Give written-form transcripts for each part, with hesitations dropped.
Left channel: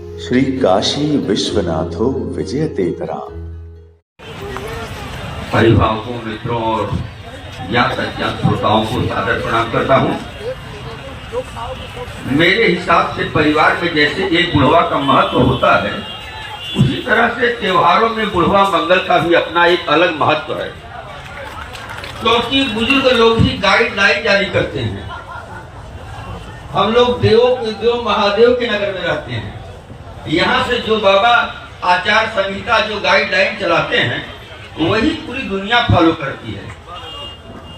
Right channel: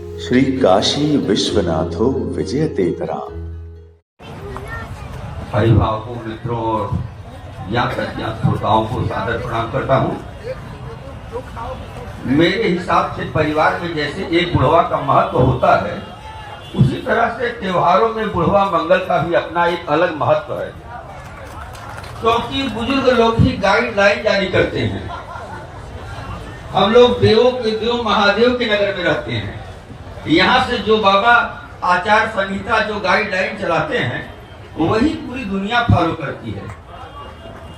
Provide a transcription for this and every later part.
श्री काशी विश्वनाथो विजयतेतरा। अभिभावकों, मित्रों और ज्ञात अज्ञात श्रोताओं को सादर प्रणाम करता हूँ। मेरे हिसाब से परिवार में जैसे एक बुढ़वा का महत्व होता है, उसी तरह से त्योहारों में बुढ़वा मंगल का भी अपना एक अलग महत्व है, क्योंकि बुजुर्ग लोग ही गाइडलाइन जारी करते हैं। हम लोग देवों के देव महादेव के नगर में रहते हैं। यहाँ से जो बाबा आचार संहिता जो गाइडलाइन चलाते हैं, वही पूरी दुनिया फॉलो करती है।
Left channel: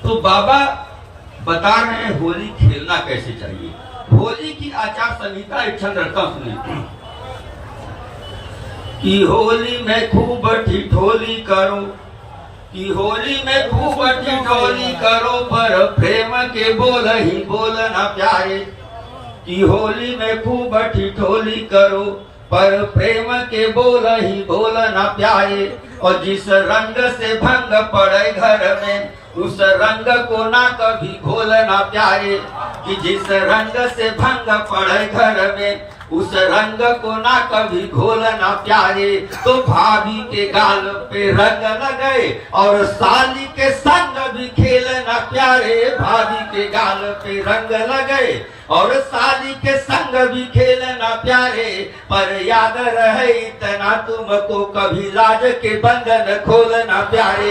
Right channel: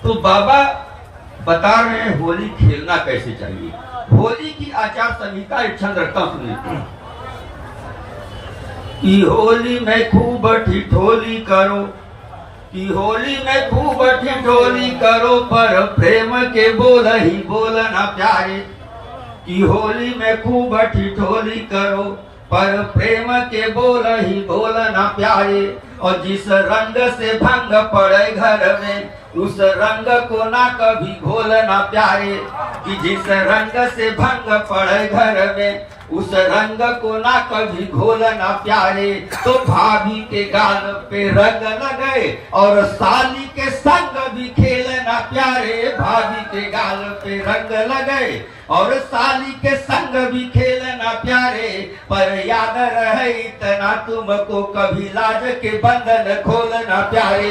तो बाबा बता रहे हैं होली खेलना कैसे चाहिए। होली की आचार संहिता एक छंद रखता सुनिए कि होली में खूब ठिठोली करो, कि होली में खूब ठिठोली करो, पर प्रेम के बोल ही बोलना प्यारे। कि होली में खूब ठिठोली करो, पर प्रेम के बोल ही बोलना प्यारे। और जिस रंग से भंग पड़े घर में, उस रंग को ना कभी घोलना प्यारे। कि जिस रंग से भंग पड़े घर में, उस रंग को ना कभी घोलना प्यारे। तो भाभी के गाल पे रंग लगे और साली के संग भी खेलना प्यारे। भाभी के गाल पे रंग लगे और साली के संग भी खेलना प्यारे। पर याद रहे इतना तुमको, कभी लाज के बंधन खोलना प्यारे।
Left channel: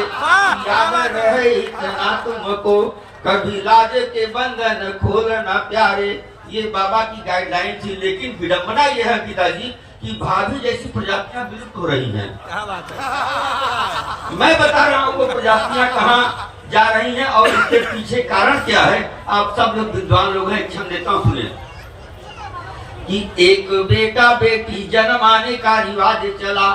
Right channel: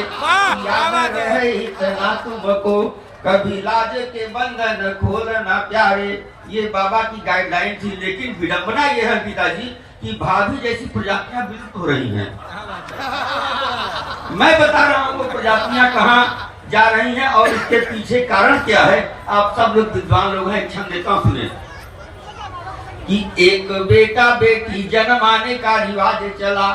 याद रहे इतना तुमको, कभी लाज के बंधन खोलना प्यारे। ये बाबा की गाइडलाइन थी, लेकिन विडंबना यह है पिताजी कि भाभी जैसी प्रजातियां विलुप्त हो रही हैं। मैं बता रहा हूँ वो प्रजातियां कहाँ जा रही हैं और इसके पीछे कारण क्या है। आप सब लोग विद्वान लोग हैं, क्षण देता हूँ सुने। कि एक बेटा बेटी जन्माने का रिवाज चला,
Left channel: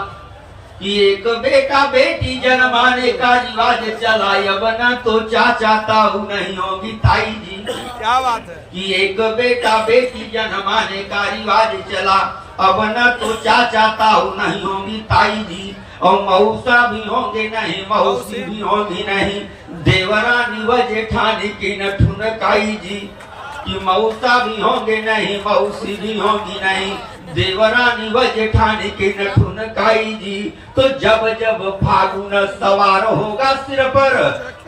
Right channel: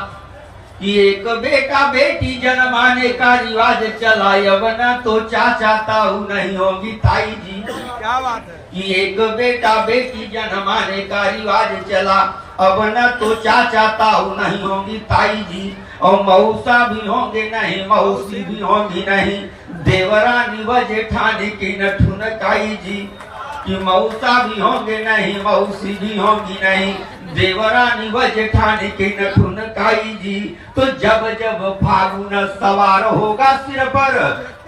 कि एक बेटा बेटी जन्माने का रिवाज चला। अब न तो चाचा ताऊ नहीं होगी ताई जी। क्या बात है। कि एक बेटा बेटी जन्माने का रिवाज चला, अब न तो चाचा ताऊ नहीं होगी ताई जी। और मौसा भी होंगे नहीं, मौसी भी होंगी नहीं, देवरानी व जेठानी की न ठुनकाई जी। कि मौसा भी होंगे नहीं, मौसी भी होंगी नहीं, देवरानी व जेठानी की न ठुनकाई जी। तो जब जब फागुन सवार होगा सिर पर,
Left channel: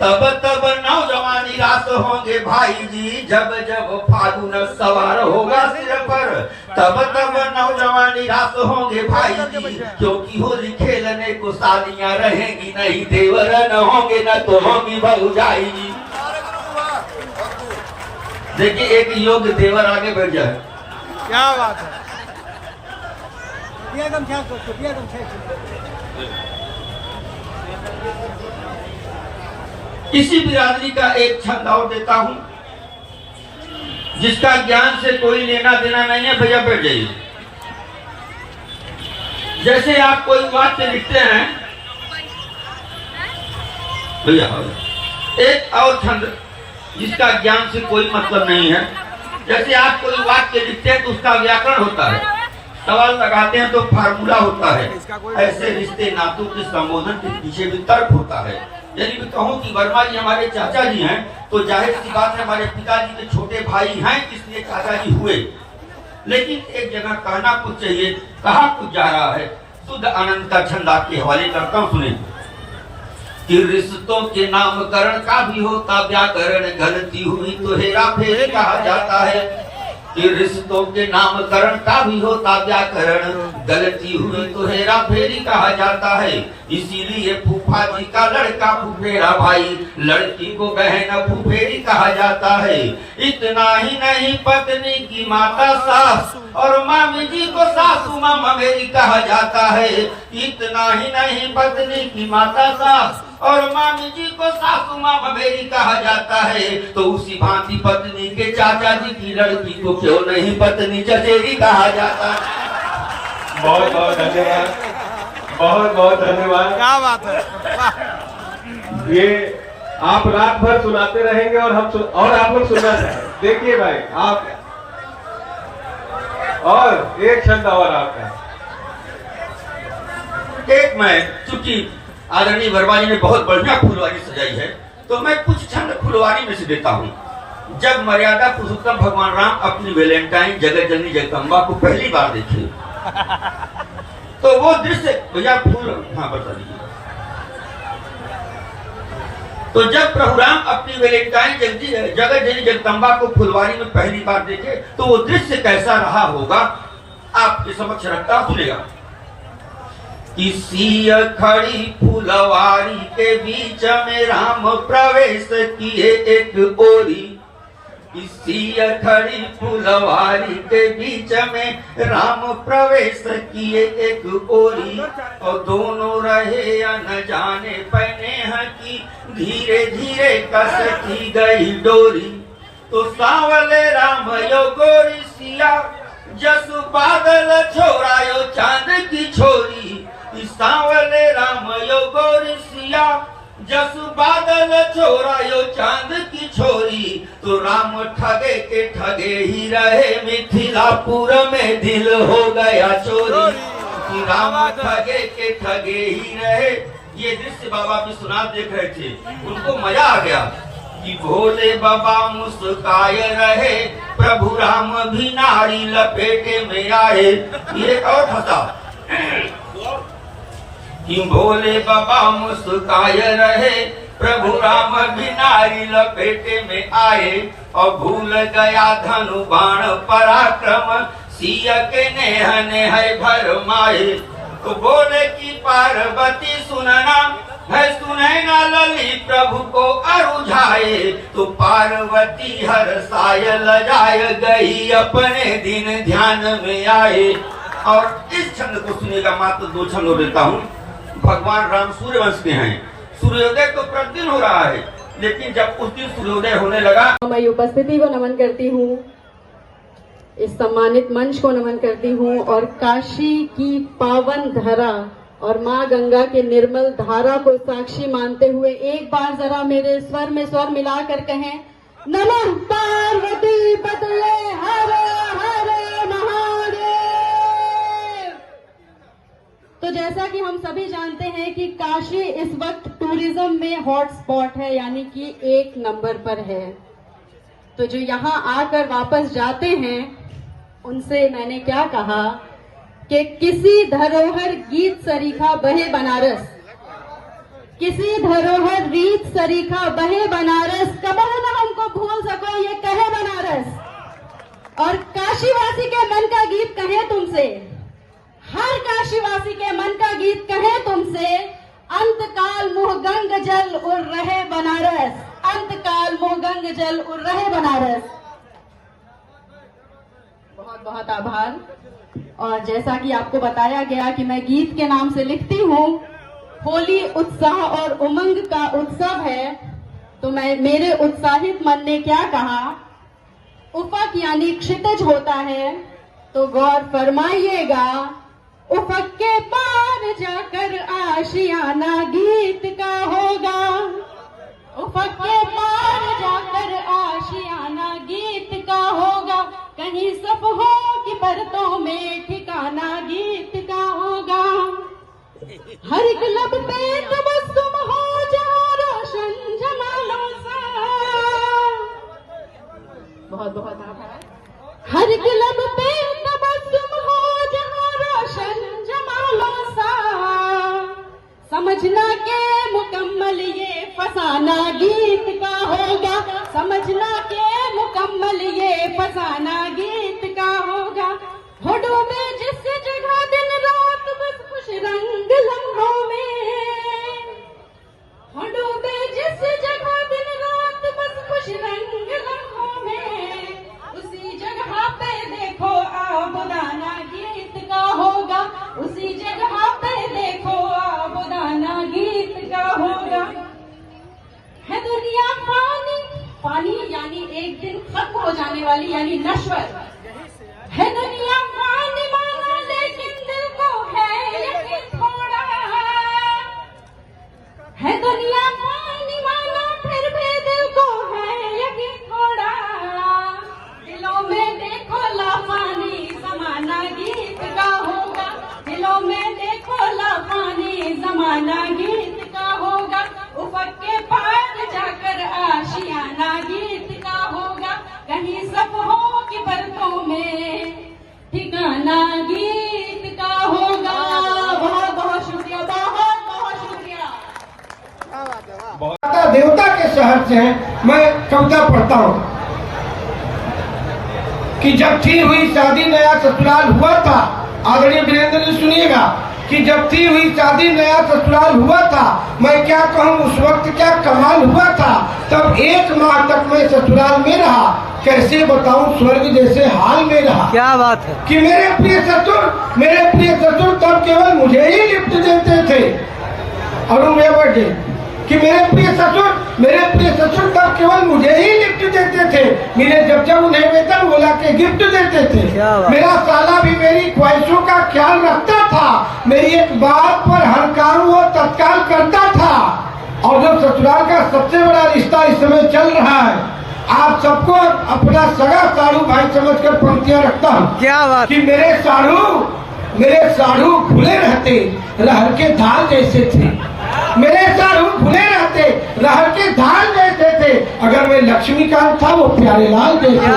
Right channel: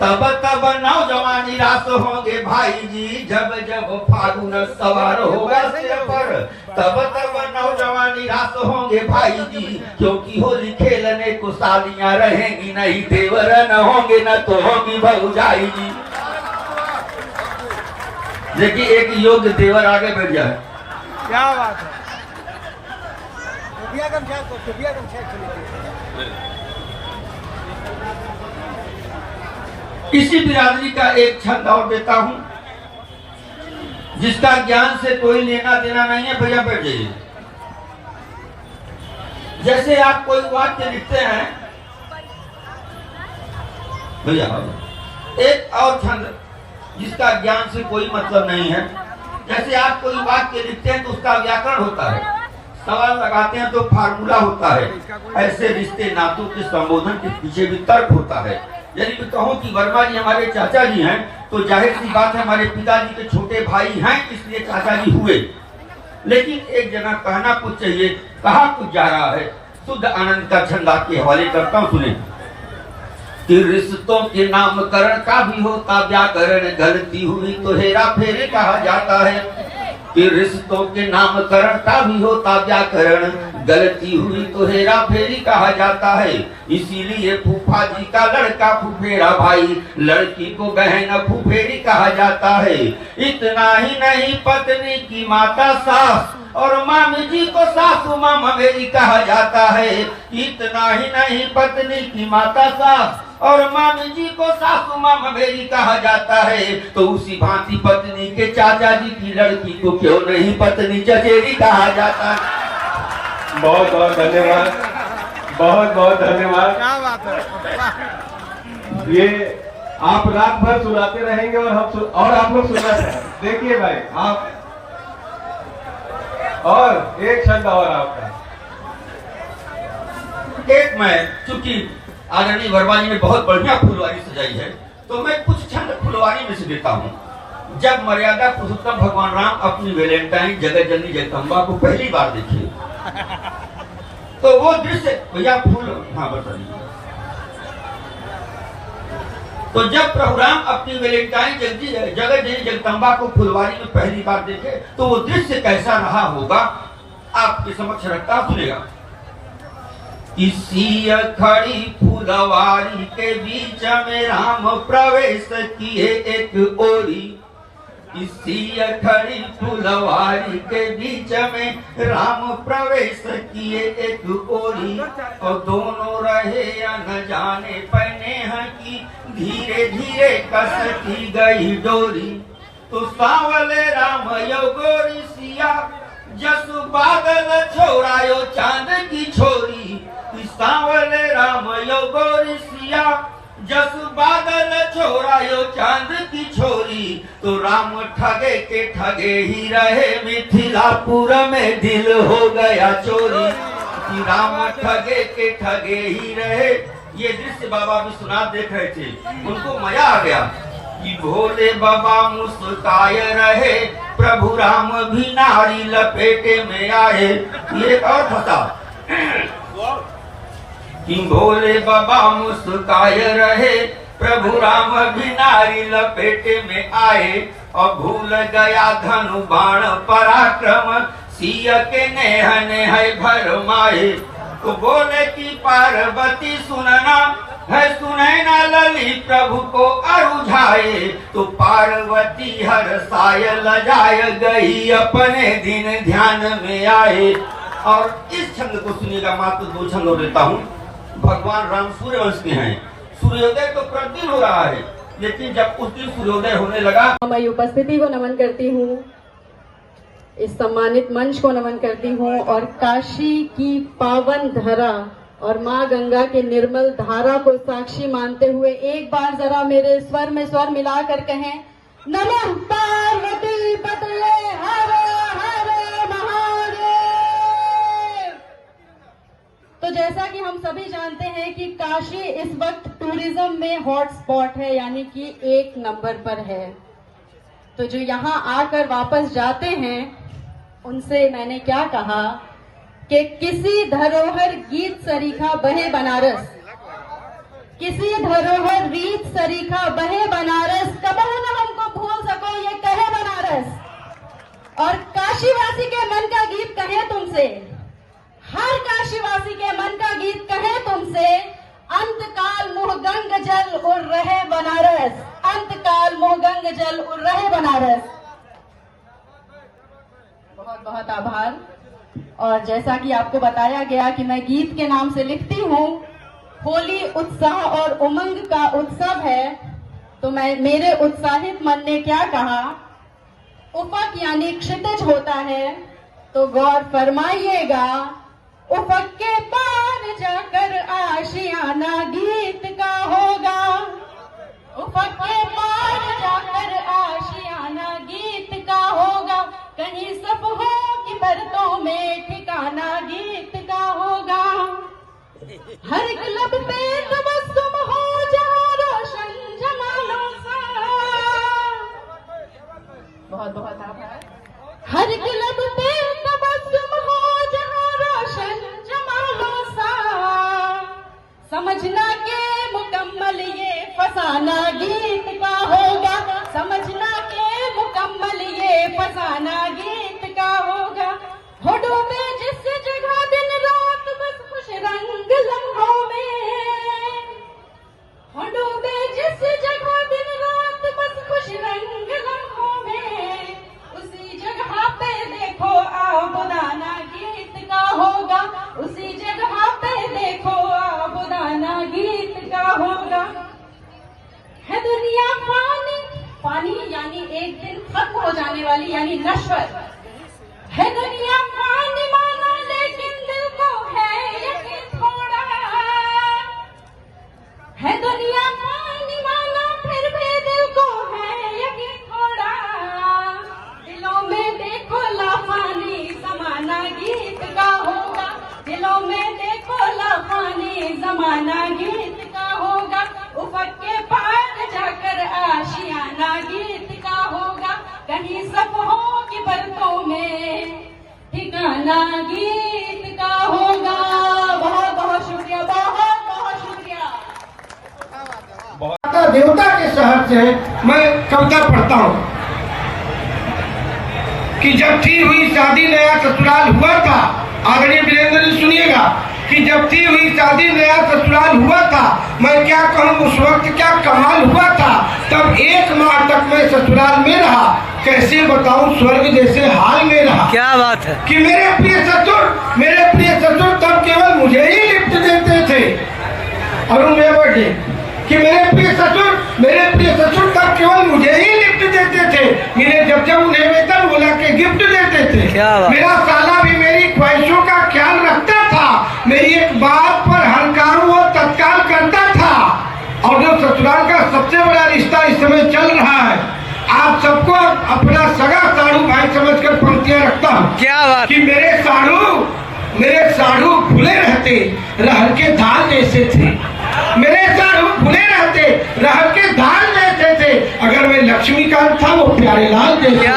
तब तब नौजवान निराश होंगे भाई जी। जब जब फागुन सवार होगा सिर पर, तब तब नौजवान निराश होंगे भाई जी। क्योंकि होली खेलने को सालियां रहेंगी नहीं, देवरा न होंगे न तो होंगी भौजाई जी। देखिए एक योग्य देवर आगे बढ़ जाए। क्या बात है। इसी बिरादरी का एक छंद और देता हूं, जिसका ज्ञान से कोई लेना देना नहीं है। भैया बैठ जाइए। जैसे आप कोई वाक्य लिखते हैं भैया, एक और छंद जिसका ज्ञान से कोई मतलब नहीं है। जैसे आप कोई वाक्य लिखते हैं तो उसका व्याकरण होता है, सवाल लगाते हैं तो फार्मूला होता है। ऐसे रिश्ते नातों के संबोधन के पीछे भी तर्क होता है। यदि मैं कहूँ कि वर्मा जी हमारे चाचा जी हैं, तो जाहिर सी बात है हमारे पिताजी के छोटे भाई हैं, इसलिए चाचा जी हुए। लेकिन एक जगह कहना कुछ चाहिए, कहा कुछ जा रहा है। शुद्ध आनंद का छंद आपके हवाले करता हूँ, सुने। कि रिश्तों के नामकरण का भी होता व्याकरण, गलती हुई तो हेरा फेरी कहा जाता है। कि रिश्तों के नामकरण का भी होता व्याकरण, गलती हुई तो हेरा फेरी कहा जाता है। इसीलिए फूफा जी का लड़का फुफेरा भाई, लड़की को बहन फुफेरी कहा जाता है। इतना ही नहीं, पत्नी की माता सास और मामी जी को सासू मामा मेरी कहा जाता है। इतना ही नहीं, पत्नी की माता सास और मामी जी को सासू मामा मेरी कहा जाता है। तो उसी भांति पत्नी के चाचा जी की लड़की को क्यों नहीं पत्नी चचेरी कहा जाता है। बहुत बहुत धन्यवाद, बहुत बहुत धन्यवाद। क्या बात है। ये आप रात भर सुनाते रहेंगे और आप लोग सुनना रहेंगे। देखिए भाई आप, और एक छंद और आपका। एक मैं, चूंकि आदरणीय वर्मा जी ने बहुत बढ़िया फुलवारी सजाई है, तो मैं कुछ छंद फुलवारी में से देता हूँ। जब मर्यादा पुरुषोत्तम भगवान राम अपनी वैलेंटाइन जगत जननी जगदम्बा को पहली बार देखे, तो वो दृश्य भैया फूल, हाँ बता दीजिए। तो जब प्रभु राम अपनी वैलेंटाइन जगह जगदम्बा को फुलवारी में पहली बार देखे तो वो दृश्य कैसा रहा होगा आपके समक्ष रखता, सुनेगा। इसी खड़ी फुलवारी के बीच में राम प्रवेश किए एक ओरी, इसी खड़ी फुलवारी के बीच में राम प्रवेश किए एक ओरी, और दोनों रहे न जाने पहने हैं कि धीरे धीरे कसती गई डोरी। तो सांवले राम यो गोरी सिया, जसु बादल छोड़ायो चांद की छोरी। सांवले राम यो गोरी सिया, जसु बादल छोड़ायो चांद की छोरी। तो राम ठगे के ठगे ही रहे, मिथिलापुर में दिल हो गया चोरी। राम ठगे के ठगे ही रहे। ये दृश्य बाबा विश्वनाथ देख रहे थे, उनको मजा आ गया कि भोले बाबा मुस्काए रहे, प्रभु राम भी नारी लपेटे में आए। ये और फंसा कि भोले बाबा मुस्काए रहे, प्रभु राम भी नारी लपेटे में आए। और भूल गया धनु बाण पराक्रम, सिया के नेह नेह भर माए। तो बोले कि पार्वती सुनना है, सुनैना लली प्रभु को अरुझाए। तो पार्वती हर साय लजाय गई, अपने दिन ध्यान में आए। और इस छंद को सुनेगा, मात्र 2 छंद और लेता हूँ। भगवान राम सूर्यवंश के हैं, सूर्योदय तो प्रतिदिन हो रहा है, लेकिन जब उस दिन सूर्योदय होने लगा, मैं उपस्थिति को नमन करती हूँ, इस सम्मानित मंच को नमन करती हूँ, और काशी की पावन धरा और माँ गंगा के निर्मल धारा को साक्षी मानते हुए एक बार जरा मेरे स्वर में स्वर मिलाकर कहें, नमः पार्वती पतये हर हर महादेव। तो जैसा कि हम सभी जानते हैं कि काशी इस वक्त टूरिज्म में हॉटस्पॉट है, यानी कि 1 नंबर पर है। तो जो यहाँ आकर वापस जाते हैं उनसे मैंने क्या कहा कि किसी धरोहर गीत सरीखा बहे बनारस, किसी धरोहर गीत सरीखा बहे बनारस, कबर न हमको भूल सको ये कहे बनारस। और काशीवासी के मन का गीत कहे तुमसे, हर काशीवासी के मन का गीत कहे तुमसे, अंतकाल मुह गंग जल उड़ रहे बनारस, अंतकाल मुह गंग जल उड़ रहे बनारस। बहुत बहुत आभार। और जैसा कि आपको बताया गया कि मैं गीत के नाम से लिखती हूँ, होली उत्साह और उमंग का उत्सव है, तो मेरे उत्साहित मन ने क्या कहा, उफक यानी क्षितिज होता है, तो गौर फरमाइएगा, उफक के पार जाकर आशियाना गीत का होगा, उफक के पार जाकर आशियाना गीत का होगा, कहीं सब हो कि परतों में ठिकाना गीत का होगा। हर एक लब पे तबस्सुम हो जहाँ रोशन जमालों सा, बहुत बहुत आभार। हर एक लब पे तबस्सुम हो जहाँ रोशन जमालों सा, समझना के मुकम्मल ये फसाना गीत का होगा, समझना के मुकम्मल ये फसाना गीत का होगा। होठों में जिस जगह दिन रात बस खुश रंग लम्हों में, होठों में जिस जगह दिन रात बस खुश रंग लम्हों में, उसी जगह पे देखो आबुदाना गीत का होगा, उसी जगह पे देखो आबुदाना गीत का होगा। है दुनिया पानी, पानी यानी एक दिन खत्म हो जाने वाली, यानी नश्वर है दुनिया पानी माना, लेकिन दिल को है यकीन थोड़ा, है दुनिया पानी माना फिर भी दिल को है यकीन थोड़ा। दिलों में देखो लाफानी जमाना गीत का होगा, दिलों में देखो लाफानी जमाना गीत का होगा, उफक के पार जाकर आशियाना गीत का होगा, कहीं सब हो कि परतों में ठिकाना गीत से हैं, मैं कविता पढ़ता हूँ कि जब थी हुई शादी नया ससुराल हुआ था। आदरणीय वीरेंद्र जी सुनिएगा कि जब थी हुई शादी नया ससुराल हुआ था, मैं क्या कहूँ उस वक्त क्या कमाल हुआ था। तब 1 माह तक मैं ससुराल में रहा, कैसे बताऊं स्वर्ग जैसे हाल में रहा। क्या बात है। कि मेरे प्रिय ससुर तब केवल मुझे ही लिफ्ट देते थे। अरुण मेवाड़ी कि मेरे प्रिय ससुर तब केवल मुझे ही लिफ्ट देते थे। मेरे जब उन्हें वेतन बोला के गिफ्ट देते थे। मेरा साला भी मेरी ख्वाहिशों का ख्याल रखता था। मेरी एक बात पर हर काम वो तत्काल करता था। और जो ससुराल का सबसे बड़ा रिश्ता इस समय चल रहा है, आप सबको अपना सगा साढ़ू भाई समझकर पंक्तियां रखता हूँ। क्या बात। कि मेरे साढ़ू भूले रहते रहर के धान जैसे थे। मेरे साढ़ू भूले रहते रहर के धान जैसे थे। अगर मैं लक्ष्मीकांत था वो प्यारे लाल जैसे।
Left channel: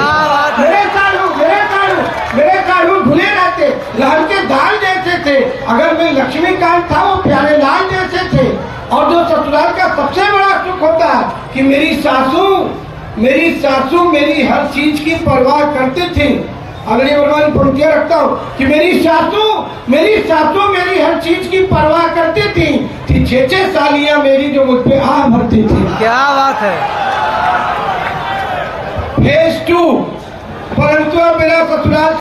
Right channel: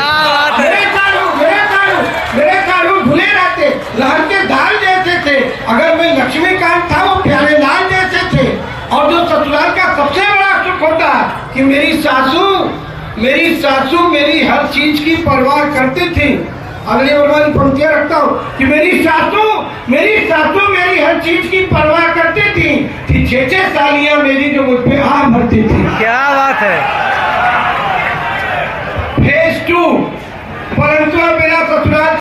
मेरे साढ़ू भूले रहते रहर के धान जैसे थे। अगर मैं लक्ष्मीकांत था वो प्यारे लाल जैसे थे। और जो ससुराल का सबसे बड़ा सुख होता है कि मेरी सासू मेरी हर चीज की परवाह करती थी। अगली बार पंक्तियां रखता हूँ कि मेरी सासू मेरी हर चीज की परवाह करती थी। कि 6 सालियां मेरी जो मुझ पे आह भरती थी। क्या बात है। फेज 2 परंतु अब मेरा ससुराल